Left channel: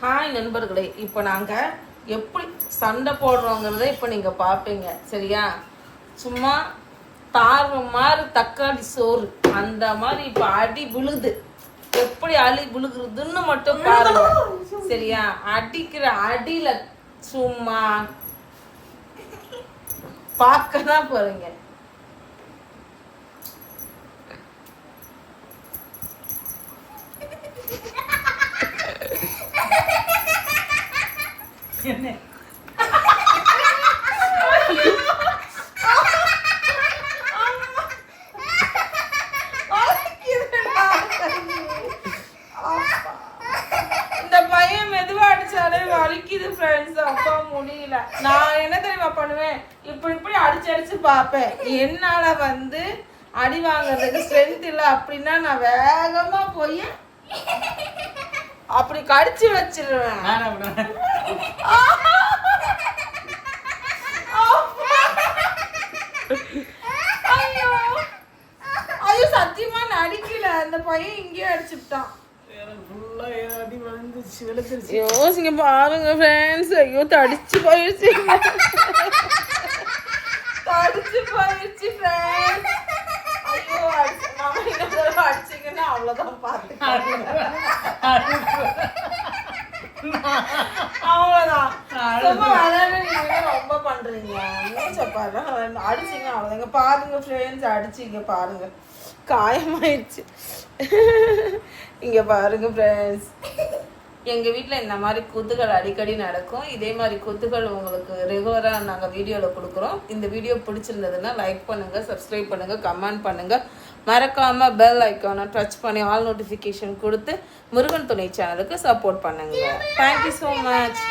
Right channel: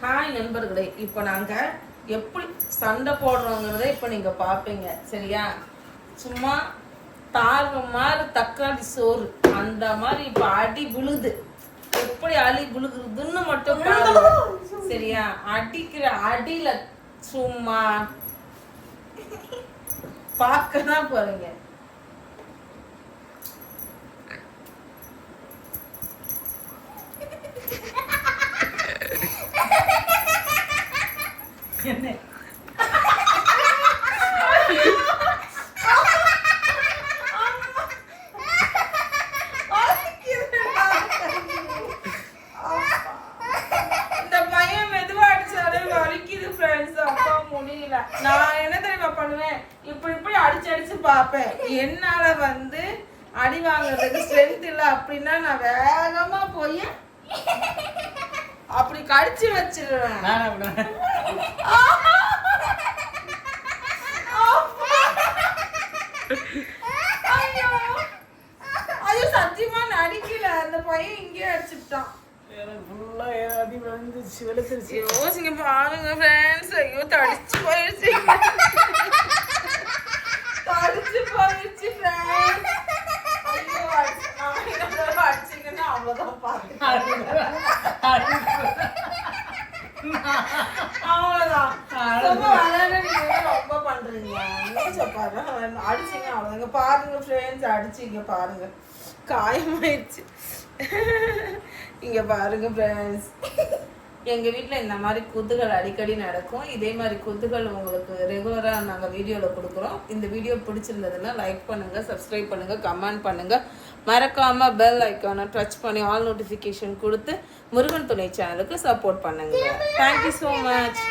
Hi நண்பர்களே, இப்போ நாங்கள் எப்படி சண்டை போடுறோங்கிறத இப்போ நீங்கள் பார்ப்பீங்க. சரியா? சும்மா தார்வு மாதிரி தக்காளி சோறு அந்த மாதிரி இப்போ அடி விழுது. எப்படி அடி விழுகுறதுன்னு மட்டும் பாருங்க. சரியா? அடிக்கிற அடியில சும்மா பார்க்க தான் பாருங்க. என்ன இந்த பையன் மெதுவா அடிச்சாலே வலிக்குது ஃப்ரெண்ட்ஸ். அப்பா முடியல. நான் என்ன தெரியுமா பண்ணுவேன், இப்படி அடிச்சு அடிச்சு பார்ப்பேன். என்னால அடி வாங்குறதுக்கு ஸ்ட்ரென்த் இல்லை அப்படின்னா நான் வேகமா போய் அப்படி கடிச்சு வச்சிருவேன். ஐயோ சத்தியமா நடிக்கல. அந்த பையன் இங்கேயே அடிச்சுட்டான். யோசிங்க பாருங்க ஃப்ரெண்ட்ஸ். ஐயோ தடிச்சு போயிடுச்சு. தடிச்சு போயிடுச்சு ஃப்ரெண்ட்ஸ். ஐயோ அடிச்சிங்கன்னா அவ்வளவுதான் பாருங்க. அவ்வளவுதான். ரொம்ப பண்றீங்க. அடிச்சிங்க அவ்வளவுதாங்க. பாருங்க ஃப்ரெண்ட்ஸ், அடிச்சிங்க பாருங்க, காயமாயிடுச்சு. இங்க பாருங்க ஃப்ரெண்ட்ஸ், எங்க வீட்டில் இந்த மாதிரி குத்துகள் அடிக்கடி நடக்கும். இதே மாதிரி குத்துகள் உங்களுக்கு ரெகுலராக நாங்கள் வீடியோவில் கொடுக்குறோம். இந்த வீடியோ பிடிச்சிருந்ததுன்னா லைக் பண்ணுங்க, சப்ஸ்கிரைப் பண்ணுங்க, கமெண்ட் பண்ணுங்க. மறக்காம பெல் ஐக்கானை டச் பண்ணி ஆல் நோட்டிஃபிகேஷன் கொடுத்து முருகன் துணை சேனலுக்கு சப்போர்ட் பண்ணுங்க. Thank you so much.